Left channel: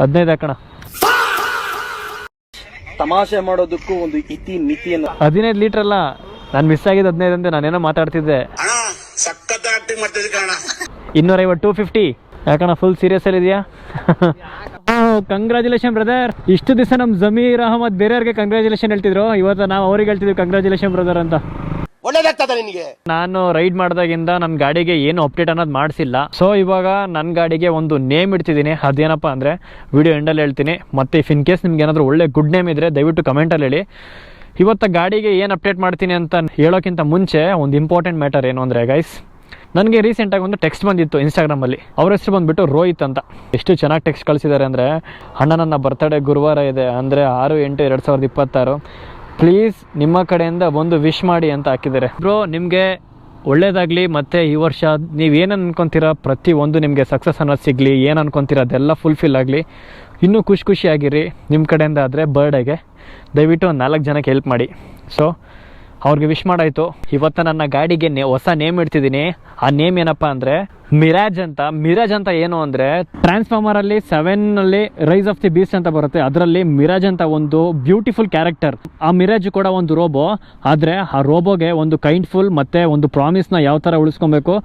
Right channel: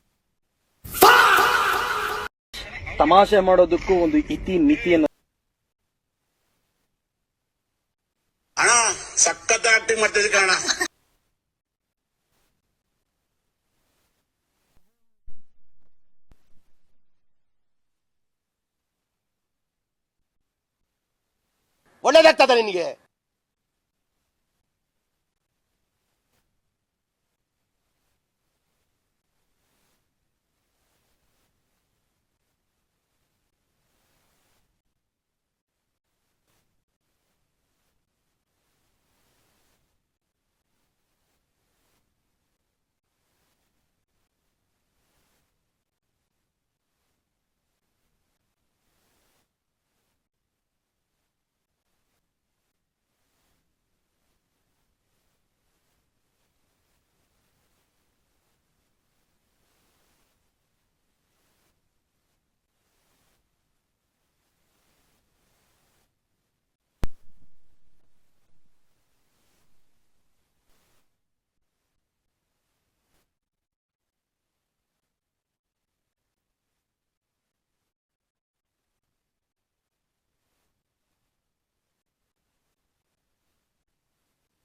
15 ಹಾಕೋಣ. ತಮಾಷೆ ಮಾಡೋದಕ್ಕೂ ಒಂದು ಇತಿ ಮಿತಿಯನ್ನು. 15 ಲೀಟರ್ ಅಲ್ಲ, ನಾನು ಮಿಸ್ ಆಗಿದ್ದು 15 ಅಂತ ನಾನೇನೋ ಮಾತಾಡ್ತಿದ್ದೆ. 250 250 ಯಾಕಣ್ಣ ಫುಲ್ ಸೀರಿಯಸ್ ಅಲ್ಲಿ ಇದೆಯಾ? Congratulation brother. ಇಷ್ಟು ದಿವಸ ನಮ್ಮ ಜಮೀರ್ ಅಹಮದ್ ಬೇರೆಯವ್ರಿಗೆ ಕಂಗ್ರ್ಯಾಚುಲೇಷನ್ ಹೇಳ್ತಿದ್ರು, ಇವತ್ತು ನಾವು ಅವ್ರಿಗೆ ಹೇಳ್ತಿದ್ವಿ ಕಂಗ್ರ್ಯಾಚುಲೇಷನ್ ಬ್ರದರ್ ಅಂತ. ಒಳ್ಳೇದಾಗ್ತದ ನಿನಗೆ. ನಾನು ರೈಡ್ ಮಾಡಿದಾಗಿಂದ ನನ್ನ ಗಾಡಿಗೆ ಏನು ಅಪ್ಡೇಟ್ ಅನ್ನೋದು ಮಾಡಿಸಿಲ್ಲ. ಸೊ ಇವಾಗ ನನ್ನ ಗಾಡಿಗೆ ಒಂದು ನೇಮ್ ಇಡ್ತಿದ್ದೀನಿ. ಅದೇನಪ್ಪ ಅಂದರೆ ವಿಡಿಯೋ ಎಂಡಲ್ಲಿ ಹೇಳ್ತೀನಿ. ಮತ್ತು ಇಫ್ ಇನ್ ಕೇಸ್ ನಿಮ್ಗೆ ಏನಾದರೂ ಒಳ್ಳೆ ಗುಡ್ ನೇಮ್ ಇದ್ದರೆ ದಯವಿಟ್ಟು ಕಮೆಂಟಲ್ಲಿ ಹೇಳಿ. ಇವತ್ತು ಗಾಡಿಗೆ ಏನು ಅಪ್ಡೇಟ್ ಮಾಡ್ತೀನಿ ಅಂತ ಹೇಳೋಕ್ಕಿಂತ ಮುಂಚೆ ಒಂದು ಇಂಪಾರ್ಟೆಂಟ್ ಮ್ಯಾಟರ್ ಏನು ಅಂದರೆ ಗೈಸ್, ನನಗೆ ರೀಸೆಂಟಾಗಿ ಒಂದು ಟೆಕ್ಸ್ಟ್ ಬಂದಿತ್ತು ಇನ್ಸ್ಟಾಗ್ರಾಮಲ್ಲಿ. ಅವ್ರ ಹೆಸರು ಬಂದುಬಿಟ್ಟು ರೋಹಿತ್ ಅಂತ. ಎಷ್ಟು ಚೆನ್ನಾಗಿ ಟೆಕ್ಸ್ಟ್ ಕಳಿಸಿದ್ದಾರೆ ಅಂದರೆ, ಅಣ್ಣ ನನ್ನ ಬರ್ತ್ಡೇ ಗುರುವಾರ ಇದೆ, ಅಂದರೆ 6/8/2026, ಪ್ಲೀಸ್ ನಿಮ್ಮ ಕಡೆಯಿಂದ ಒಂದು ವಿಶ್ ಮಾಡಿ ಅಂತ ಹಾಕಿದ್ದಾರೆ. ಬ್ರೋ ನಿಮಗೆ ಒಳ್ಳೇದಾಗಲಿ, ಮತ್ತು ಈ ವರ್ಷ ನೀವೇನು ಅನ್ಕೊತೀರ ಪ್ರತಿಯೊಂದು ನಿಮಗೆ ಸಕ್ಸಸ್ ಅನ್ನೋದು ಸಿಗಲಿ, ಏನು ಅನ್ಕೊತೀರ ಅದೆಲ್ಲ ಫುಲ್ಫಿಲ್ ಆಗಲಿ, ಇನ್ನೂ ಖುಷಿಯಾಗಿರಿ. ನಿಮ್ಮ ಕಡೆಯಿಂದ ಆದರೆ ಬರ್ಡೇಗೆ ದಯವಿಟ್ಟು ಒಂದು 4 ಜನಕ್ಕೆ ಹೆಲ್ಪ್ ಮಾಡಿ. ಸೊ ಅವ್ರಿಗೆ ವಿಶ್ ಮಾಡಾಯಿತು. ಇವತ್ತು ನನ್ನ ಗಾಡಿಗೆ ಹೊಸ ನೇಮ್ ಇಡ್ತಿದ್ದೀನಿ. ಆ ನೇಮ್ ಏನಪ್ಪ ಅಂದರೆ ಮಿರಾಜ್ ಅಂತ. ಮಿರಾಜ್ ಅಂತ ಏನು ಅಂದರೆ, ಟ್ರಾನ್ಸ್ಫಾರ್ಮರಲ್ಲಿ 7ನಲ್ಲಿ ರೈಸ್ ಆಫ್ ದಿ ಬೀಸ್ಟ್ ಅಂತ ಬರುತ್ತೆ, ಅದರಲ್ಲಿ ಮಿರಾಜ್ ಅಂತ ಒಂದು ಬ್ಯೂಟಿಫುಲ್ ಕ್ಯಾರೆಕ್ಟರ್. ಆ ಮಿರಾಜ್ ಕೂಡ ಒಂದು ರೋಬೋ, ಆದರೆ ಆ ರೋಬೋಗೆ ಒಂದು ಕೈಂಡ್ಫುಲ್ ಮತ್ತು ಒಂದು ಪ್ರಾಮಿಸ್ನ ಯಾವ ಥರ ಉಳಿಸ್ಕೊಬೇಕು,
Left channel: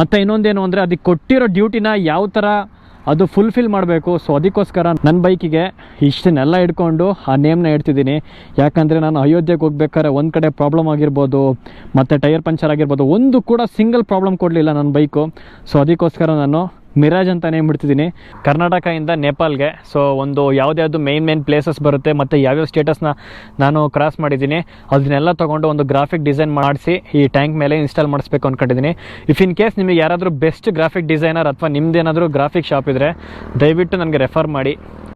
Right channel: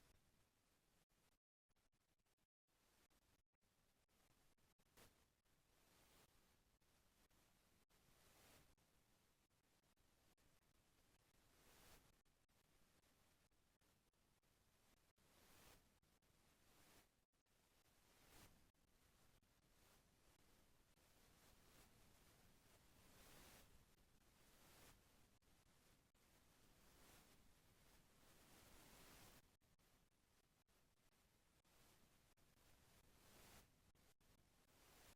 ಮತ್ತು ಇನ್ನೊಂದೇನು ಅಂದರೆ ಅದಕ್ಕೆ ಕೊಟ್ಟಿರೋ ಡ್ಯೂಟಿನ ಯಾವ ಥರ ಅದು ಫುಲ್ಫಿಲ್ ಮಾಡಬೇಕು. ಸೊ ಅದಕ್ಕೋಸ್ಕರ ನನ್ನ ಬೈಕಿಗೆ ಇಷ್ಟನ್ನೆಲ್ಲ ಇಟ್ಕೊಂಡು ಆ ನೇಮ್ನ ಇಡ್ತಿದ್ದೀನಿ. ಯಾಕಂದರೆ ನಾನು ಅಯೋಧ್ಯೆಗೆ ಹೋಗ್ಬೇಕಾದ್ರೆ ಒಂದು ಕಡೆ ಪ್ರಾಬ್ಲಮ್ ಆಗಿರ್ಬೋದು, ಮತ್ತು ಟೈರ್ ಪಂಚರ್ ಆಗಿರ್ಬೋದು, ಒಂದು ಕೂಡ ಸಿಂಗಲ್ ಪ್ರಾಬ್ಲಮ್ ಕೊಡಲಿಲ್ಲ ನನ್ನ ಬೈಕು. ಸೊ ಅದಕ್ಕೋಸ್ಕರ ನಾನು ಮಿರಾಜ್ ಅಂತ ನೇಮ್ ಇಡ್ತಿದ್ದೀನಿ. ಕರ್ನಾಟಕದಿಂದ ನೇಪಾಲ್ಗೆ. ಸೊ ಒಂದು ಯಾವುದ್ಯಾವುದು ಮೇನ್ ಪ್ಲೇಸಸ್ ಬರುತ್ತೆ ಮತ್ತು ಯಾವ್ಯಾವ ಸ್ಟೇಟಸ್ನ ನಾನು ಕ್ರಾಸ್ ಮಾಡಿದ್ದೀನಿ ಅದನ್ನೆಲ್ಲ ತೊಗೊಂಡು ಒಂದು ಗ್ರಾಫಿಕ್ ಡಿಸೈನ್ ಮಾಡಿಸಿ ಈ ಟ್ಯಾಂಕ್ ಮೇಲೆ ಇನ್ಸ್ಟಾಲ್ ಮಾಡಿಸ್ಬೇಕು ಅಂದ್ಕೊಂಡಿದ್ದೀನಿ. ಇಫ್ ಇನ್ ಕೇಸ್ ನಿಮಗೆ ಯಾರಾದರೂ ಬೆಸ್ಟ್ ಗ್ರಾಫಿಕ್ ಡಿಸೈನರ್ ಅಥವಾ ನಿಮ್ಮದೇನಾದರೂ ಗ್ರಾಫಿಕ್ ಶಾಪ್ ಇದ್ದರೆ ದಯವಿಟ್ಟು ನನಗೆ ರೆಫರ್ ಮಾಡಿ.